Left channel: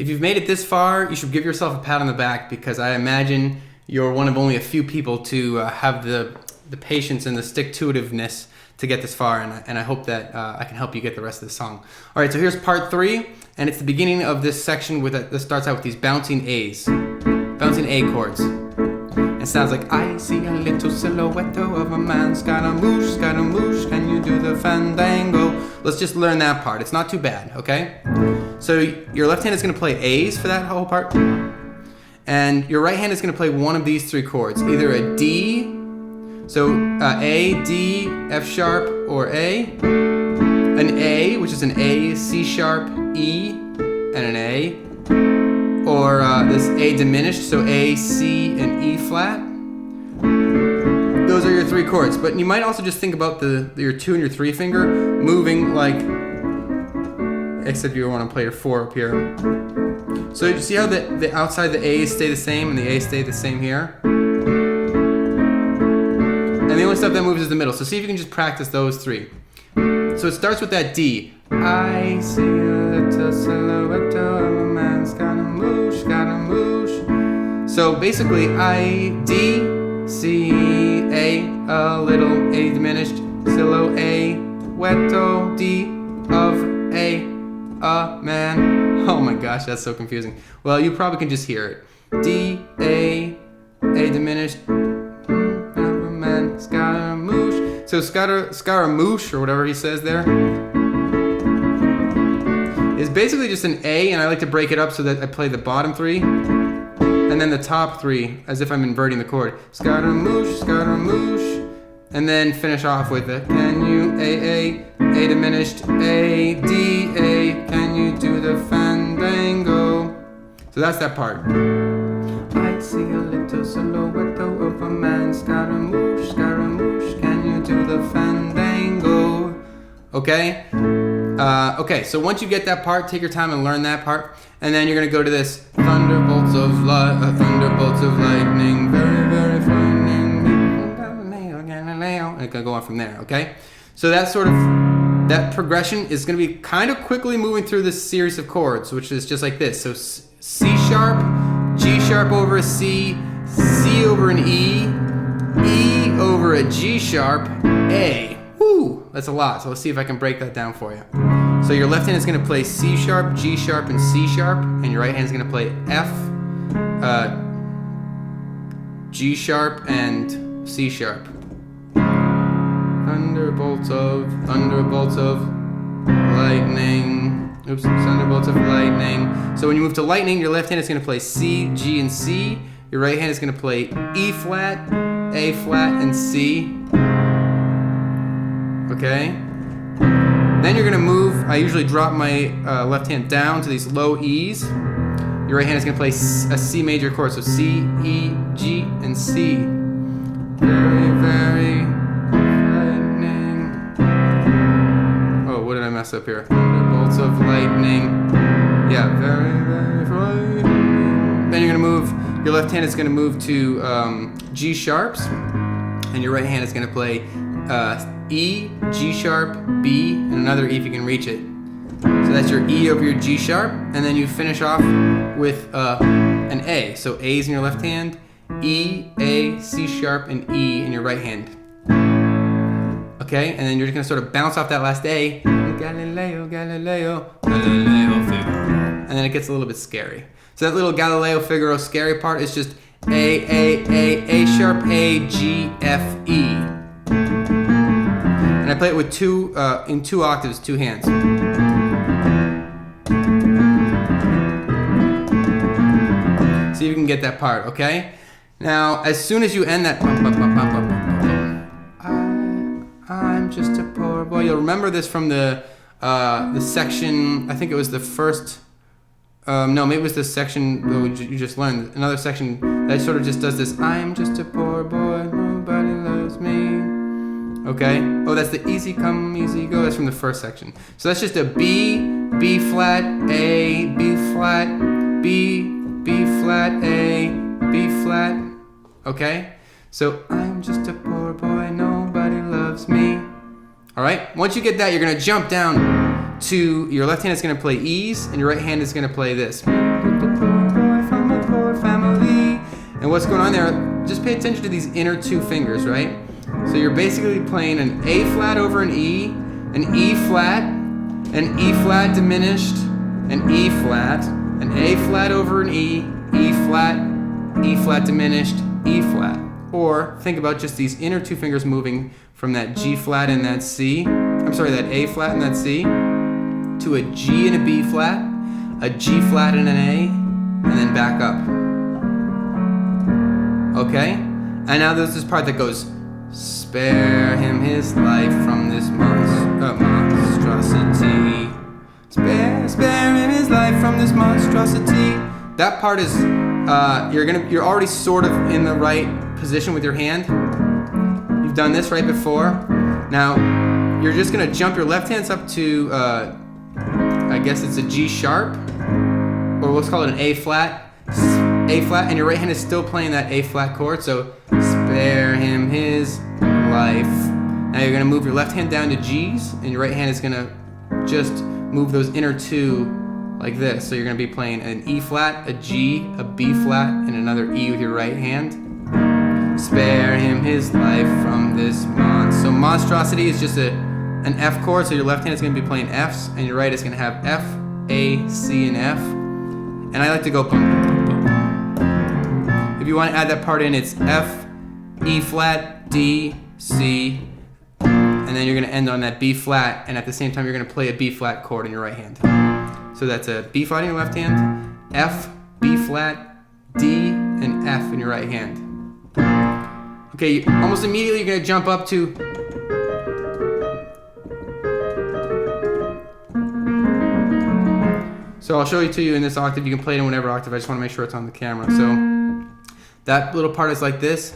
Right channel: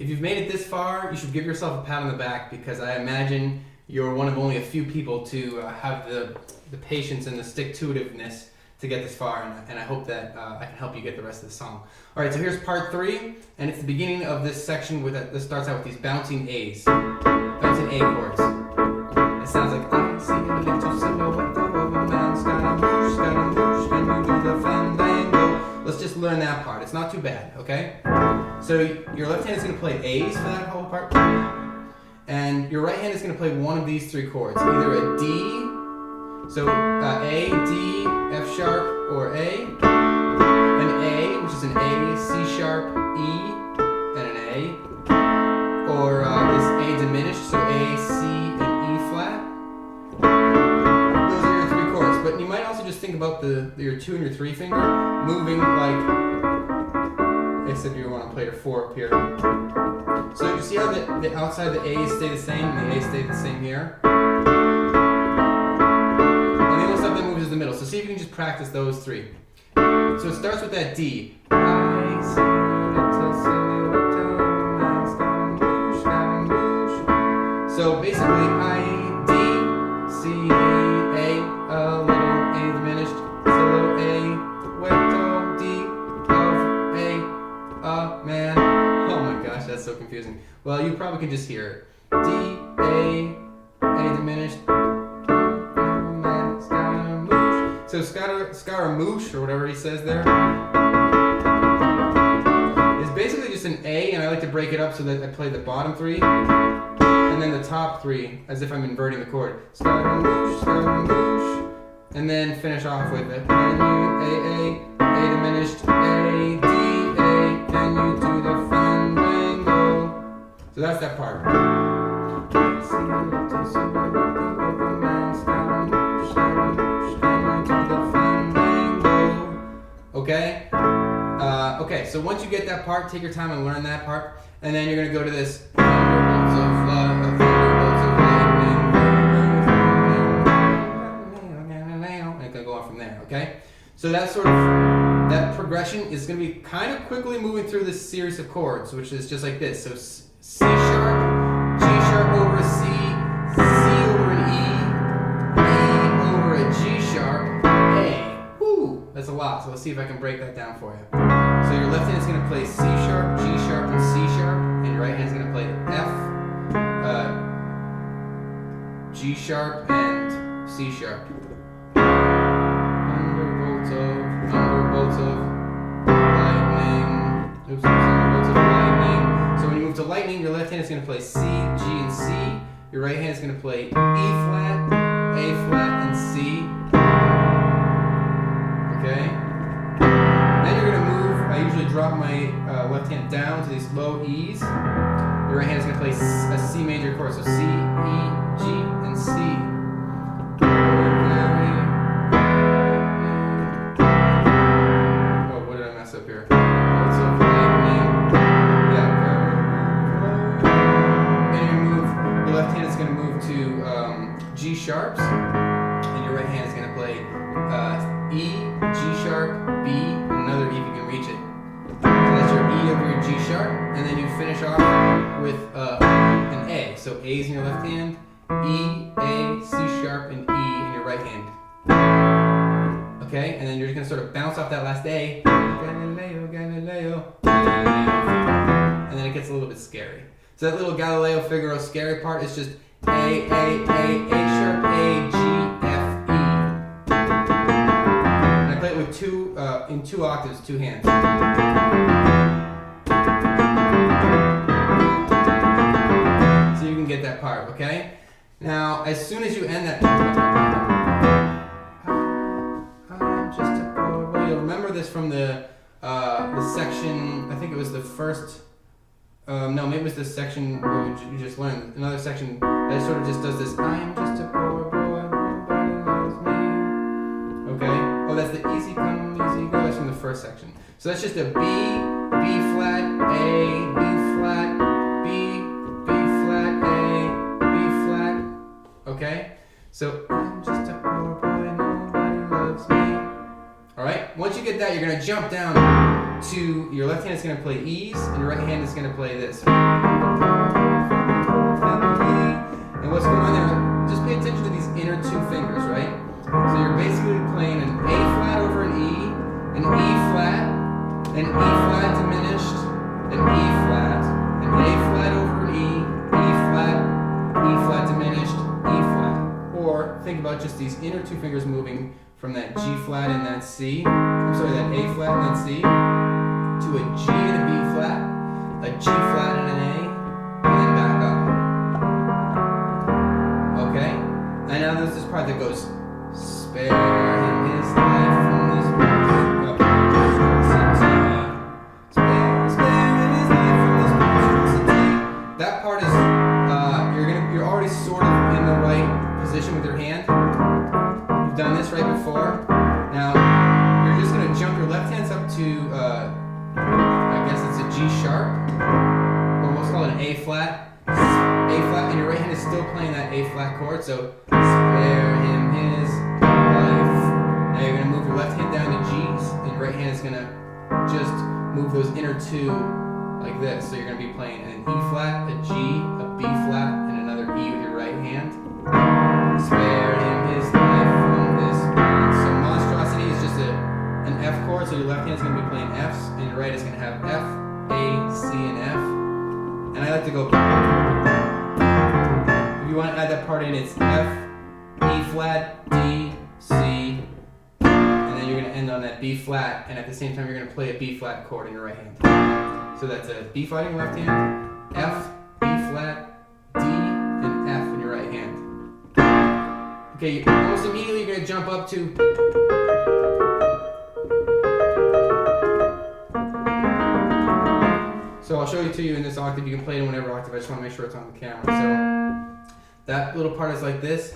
if you've made it this far, you should give yourself a pat on the back, because I imagine you're one of only a few people to have the patience and the stick-to-itiveness to get this far, and I hope that I can help you get the rest of the song. All right, so here's part 3, and it's the beginning of this section that starts out with these bouncing A's, bouncing A chords. It sounds like, I see a little silhouette of a man, Scaramouche, can you do the fandango? Let's just learn that part. It's not too bad, okay? So your left hand is going to play A's for that whole part, and your right hand is going to play one of these 3 chords, either a D, so A, D, F sharp, or A, an A, which is an A, C sharp, E, and an A, or this A diminished, so A, C, and E flat. Those are your 3 chords, but you might also just think about your 2 and your 3 finger moving like, except you want to play your 4 up here. So you see how the outside the A's stay the same and the A's stay the same here? And the only stuff that moves is the middle. So see if you can just practice those 3. So it starts with that D. I see a little silhouette of a man, Scaramouche. So basically I, D, C, A, a little, A diminished, silhouette, D, of a man. Oh my gosh, that's so confusing. Well, you probably can just hear it. D, A diminished, man, Scaramouche. So Scaramouche, or whatever he says there, is basically just an A, and I like to break it up so that I play the bottom 3, and then the top 3, as if I'm inverting the chord. Scaramouche, and then finish off with it. Can you, A diminished, A, D, A, can you do the fandango? So that's that part. I see a little silhouette of a man, Scaramouche, can you do the fandango? Okay? Okay, so once you get that part, take your time and learn that part, and then you're going to go to this thunderbolts of lightning, very, very frightening, and it's going to go on from there, okay? So that progression is going to be kind of quickly moving through this series of chords, which is just like this. So C sharp, G sharp over a C, C over an E, E over a G sharp, A. Woo! That's a lot, so let's see if I can break that down for you. So your left hand is going to play C sharp, G sharp, and C sharp, and your right hand is going to play F, G sharp, and C sharp. Thunderbolts of lightning. Oops, thunderbolts of lightning. So when you move to lightning, your left hand is going to play C, G, and C. Your right hand is going to play E flat, A flat, and C. Okay? Then you're going to move, I usually drop my left hand down to these low E's. Your right hand is going to play a C major chord, so C, E, G, and C. Very, very lightning. Oh, what did I mess up here? Bolts of lightning. Yeah, very, very frightening. Then you're going to move, your left hand is going to move to G sharps, and your right hand is going to play E, G sharp, B, and another E if you can reach it. So that's your E over your G sharp, and then you finish off with an A. So A's in your left hand, E, A, C sharp, and E in your right hand. Okay, and then you're just gonna sort of bounce off that last A. Galileo, Galileo, Galileo Figaro. And then it gets a little bit scary. So that little Galileo Figaro scary part is just A sharp, A, G, F, E. And I play it with in 2 octaves, 2 hands. See if you can get that part, okay? Now, as soon as you end that, I'm just a poor boy. You'll remember this from the section. I think it was the first. No, maybe it was the section you just learned. Another section that sort of just does this. I'm just a poor boy, nobody loves me. Okay? Oh, that's the easy come, easy go. That's from the first section. So that's just a B, B flat, A, B flat, B, B flat, A, B flat. Okay? So I'm just a poor boy, nobody loves me. Alright? Once you get that, you're going to jump down to, your left hand is going to play E's, and your right hand is going to play this. And what's going on there, just pay attention to these inner two fingers, right? So you're basically playing an A flat over an E flat, an E flat diminished, an E flat, an A flat over an E flat diminished, E flat. Or think about just these inner two fingers moving from that G flat and that C, that A flat and that C, to a G and a B flat, a G flat and an A, and then back up. Okay? And now there's this part that goes, spare him his life from this monstrosity. Spare him his life from this monstrosity. That part is, you're already sort of in the right position with your hand. You've done this right before. Now, you're just gonna jump your left hand up to, I guess it's a G sharp, or let's call it an A flat, and your right hand is still playing that A flat chord, so spare him his life. Now you're gonna move your left hand down to G's, and your right hand is gonna just move those inner two like this. So you're gonna be playing an E flat, a G, a B flat, and another E with your right hand. Spare him his life from this monstrosity. So monstrosity is just an F chord, so your left hand is going to be playing Fs, and your right is going to have F, A, C, and F. And I like to go. If you want to add that part in, it's F, E flat, D, C, and then you're going to end on that B flat, and at the same time you're going to play a B flat chord in your right hand. So that's a B flat in your left hand, F, B flat, D, and F in your right hand. Okay, almost immediately you're going to jump up to so I'll show it to you in this octave. You can play it in whatever octave. I just want to make sure it's on the camera. So that little part is like this.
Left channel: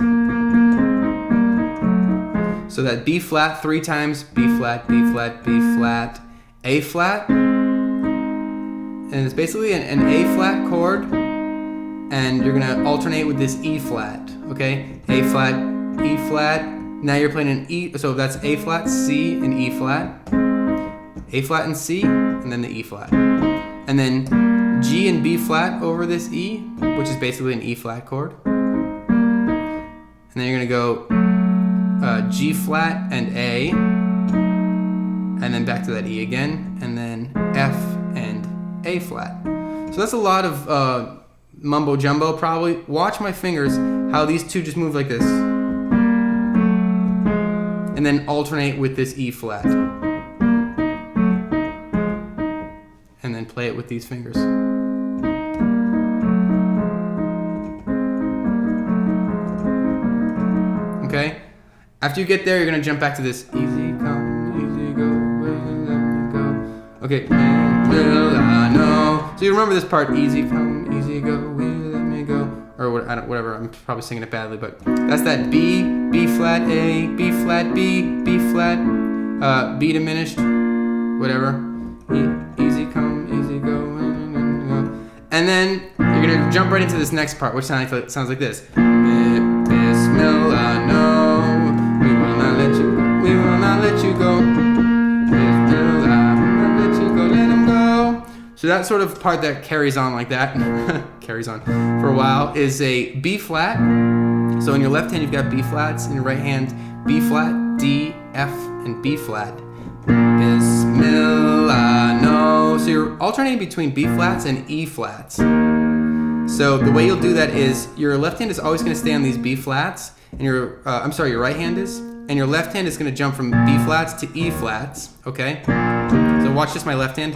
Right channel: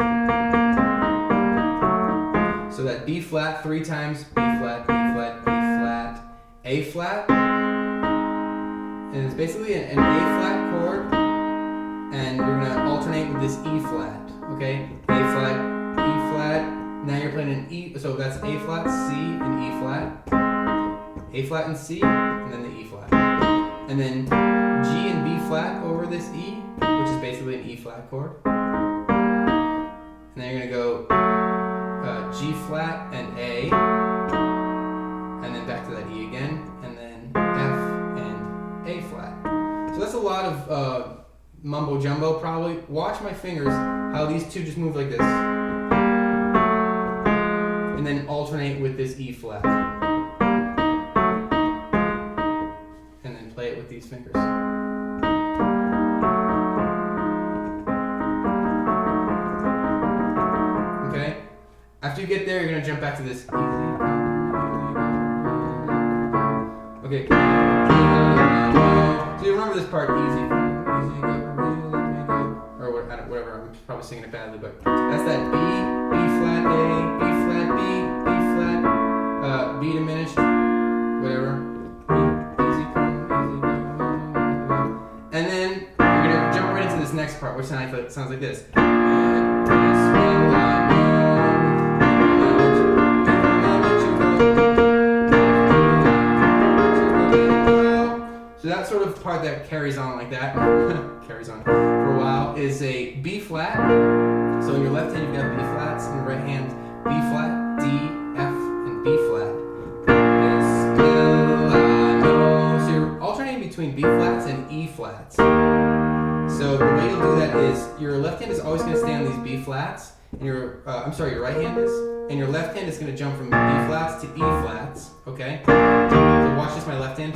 So that B flat 3 times, B flat, B flat, B flat, A flat. And it's basically an A flat chord. And you're going to alternate with this E flat. Okay? A flat, E flat. Now you're playing an E, so that's A flat, C, and E flat. A flat and C, and then the E flat. And then G and B flat over this E, which is basically an E flat chord. And then you're gonna go G flat and A, and then back to that E again, and then F and A flat. So that's a lot of mumbo jumbo probably. Watch my fingers, how these two just move like this. And then alternate with this E flat. And then play it with these fingers. Okay? After you get there, you're going to jump back to this easy come, easy go, okay. So you remember this part, easy come, easy go, let me go. Or whatever, I'm probably singing it badly, but that's that B, B flat A, B flat B, B flat, B diminished, whatever. Easy come, easy go. And then you're gonna jump right into this next part, which sounds like this. Bismillah, no, we will not let you go. Bismillah, let you go, let him go. So that sort of part that carries on like that, carries on for a while, is a B flat. So in your left hand you've got B flats, in your right hand B flat, D, F, and B flat. Bismillah, no. So you're alternating between B flats and E flats. So the way you'll do that is your left hand is always going to stay on these B flats, and your right hand is, and your left hand is going to jump from B flats to E flats. Okay. So watch this, my left hand.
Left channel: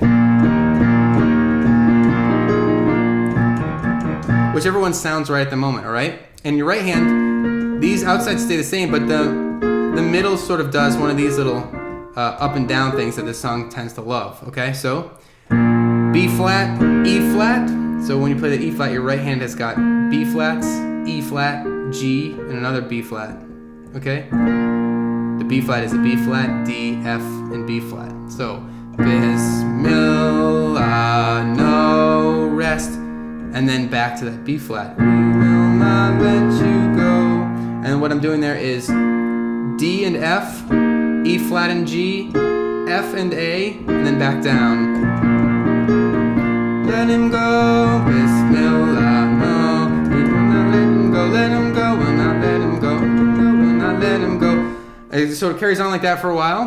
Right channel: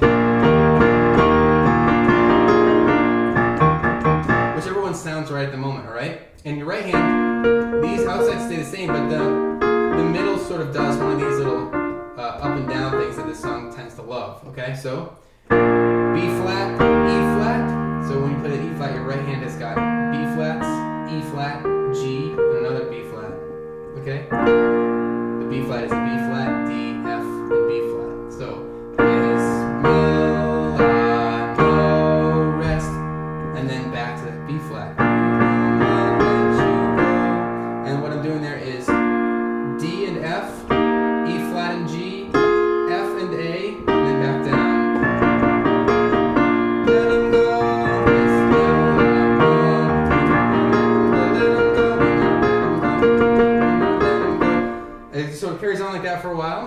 Whichever one sounds right at the moment, all right? And your right hand, these outsides stay the same, but the middle sort of does one of these little up and down things that this song tends to love, okay? So, B flat, E flat. So when you play the E flat, your right hand has got B flats, E flat, G, and another B flat, okay? The B flat is a B flat, D, F, and B flat. So, Bismillah, no rest. And then back to that B flat. We will not let you go. And what I'm doing there is D and F, E flat and G, F and A, and then then back down. Let him go, Bismillah. Oh, let him go, will not let him go, will not let him go. It sort of carries on like that for a while.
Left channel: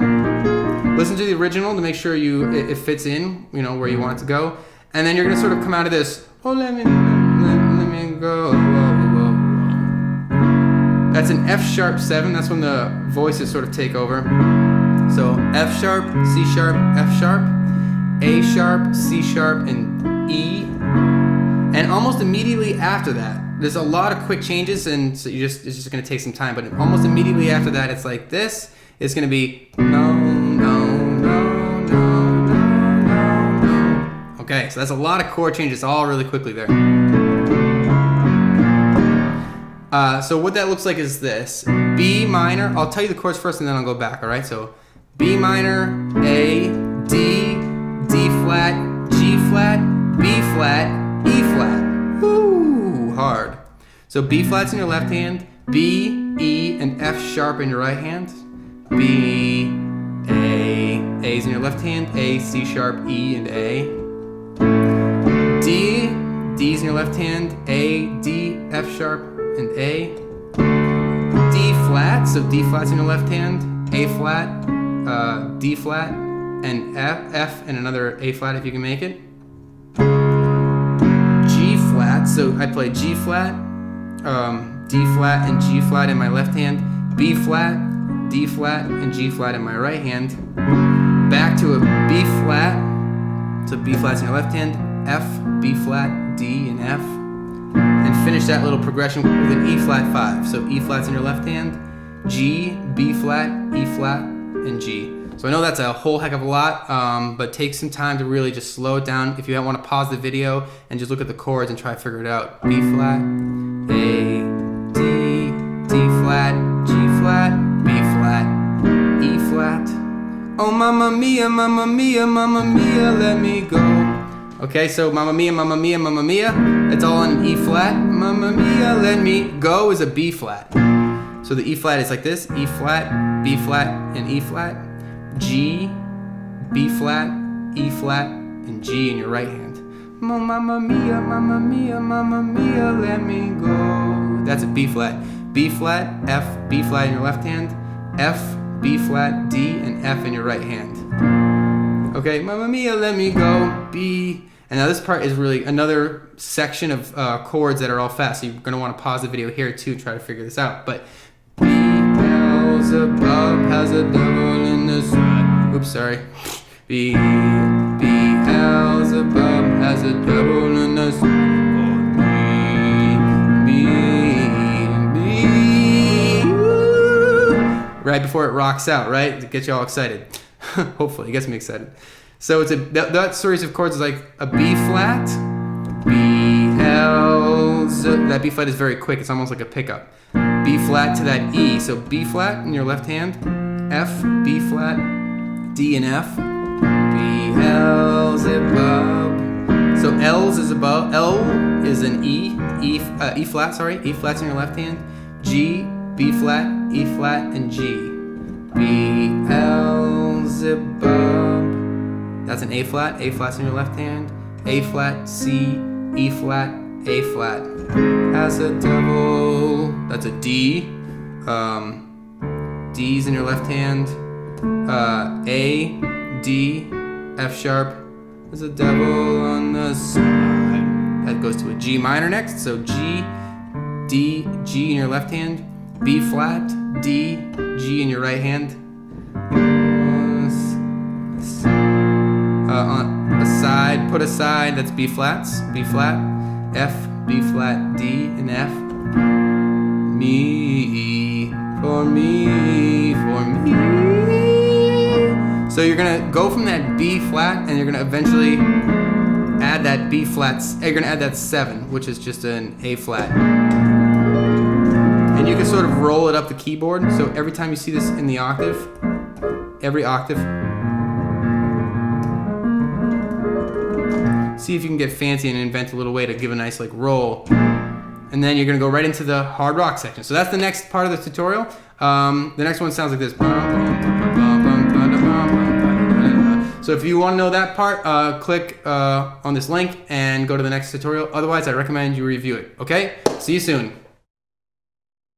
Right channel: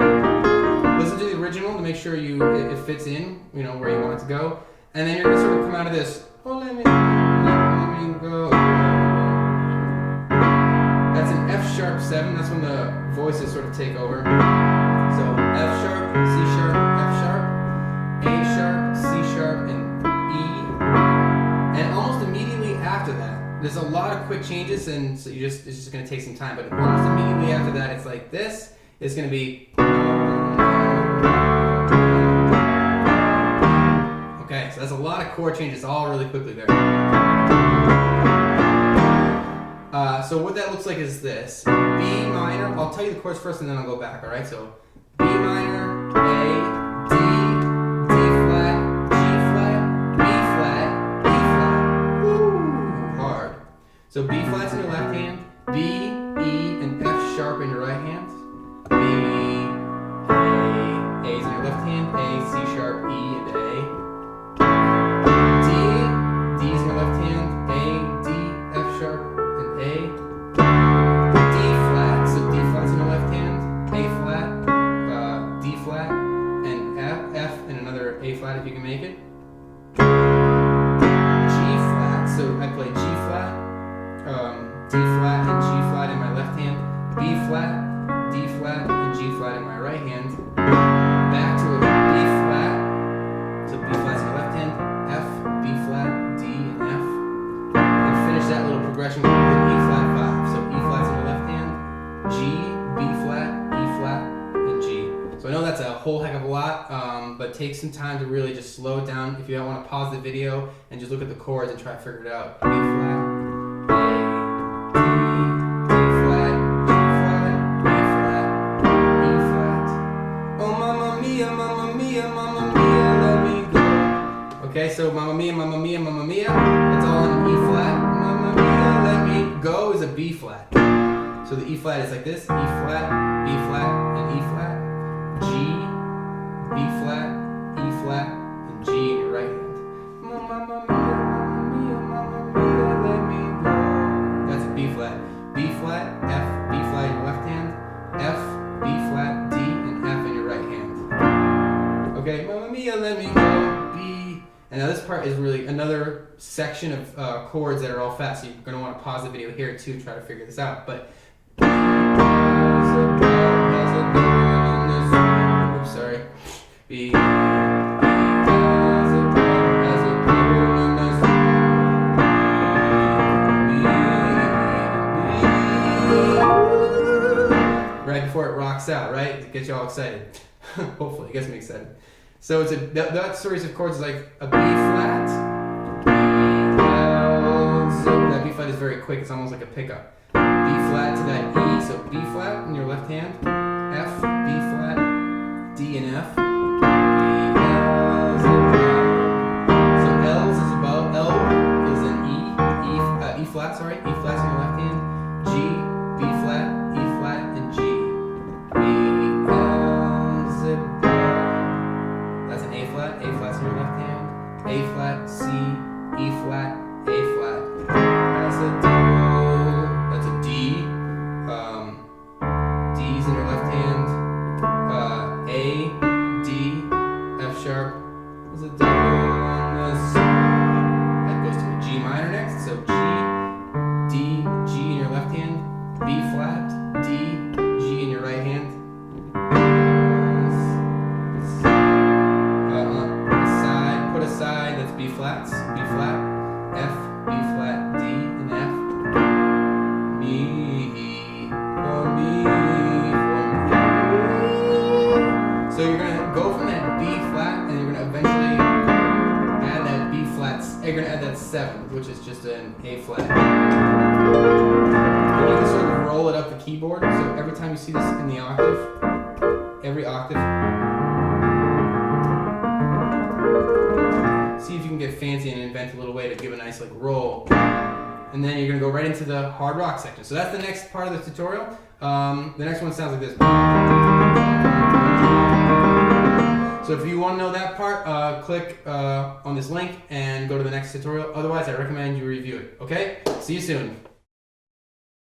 Listen to the original to make sure it fits in, where you want it to go. And then you're going to sort of come out of this, oh, let me go. That's an F sharp 7. That's when the voices sort of take over. So F sharp, C sharp, F sharp, A sharp, C sharp, and E. And almost immediately after that, there's a lot of quick changes, and so it's just going to take some time. But almost immediately after that, it's like this. It's going to be Okay, so that's a lot of chord changes all really quickly there. So what that looks like is this. B minor, I'll tell you the chords first and then I'll go back, alright? So B minor, A, D, D flat, G flat, B flat, E flat. Woo, hard. So B flat's in your left hand, B, E, and F sharp in your right hand. B, A, A's in your left hand, A, C sharp, E, and A. D, D's in your left hand, A, D, F sharp, and A. D flat, so D flat's in your left hand, A flat, D flat, and F, and another A flat if you can make it. G flat, so I play G flat, D flat, and G flat in my left hand, B flat, D flat, and G flat in my right hand. Back to a B flat, so B flat's in your left hand, F, B flat, D, and F. And finish that little progression with an E flat 5. So E flat's in your left hand, G, B flat, E flat, and G. So I know that's a whole heck of a lot, but take some time to really just slow it down. If you want to pause the video and just look at the chords and try to figure it out. B flat, A, D, D flat, G flat, B flat, E flat. Oh mamma mia, mamma mia, mamma mia, let me go. Okay, so Mamma Mia, Mamma Mia, Mamma Mia, it's all in E flat. Mamma Mia, let me go is a B flat. So the E flat is like this, E flat, B flat, and E flat. G, B flat, E flat, and G in your right hand. Mamma Mia, Mamma Mia, Mamma Mia, let me go. That's a B flat. B flat, F, B flat in your left hand, F, B flat, D, and F in your right hand. Okay, Mamma Mia, let me go, B. And now this part is really another section of chords that are all fast. So you're going to want to pause the video here too, try to figure this out. But B Beelzebub has a devil in his eye. Oops, sorry. B Beelzebub has a devil in his eye. Right before it rocks out, right? To get you all excited. Hopefully, it gets me excited. So it's that series of chords is like a B flat, B, L, Z. That B flat is very quick. It's almost like a pickup. B flat to that E. So B flat in your left hand, F, B flat, D, and F. B, L, Z above. So L's is above. L is an E flat. Sorry, E flat's in your left hand. G, B flat, E flat, and G. B, L, Z above. That's an A flat. A flat's in your left hand. A flat, C, E flat, A flat. As a double. That's a D. D's in your left hand. A, D, F sharp. There's a double on the side. That goes to a G minor next. So G, D, G in your left hand. B flat, D, G in your right hand. Aside, put aside, that's B flats, B flat, F, B flat, D, and F. Me, for me, for me. So you're gonna go from that B flat and you're gonna eventually add that B flats, you're gonna add that 7, which is just an A flat. And you can sort of roll it up the keyboard, so every time you see this in the octave, every octave, see if you can get fancy and invent a little way to give a nice like roll. And then you're gonna go right into the hard rock section. So that's the next part of the tutorial. The next one sounds like this. So if you want to know that part, click on this link and go to the next tutorial. Otherwise, I recommend you review it. Okay? See you soon.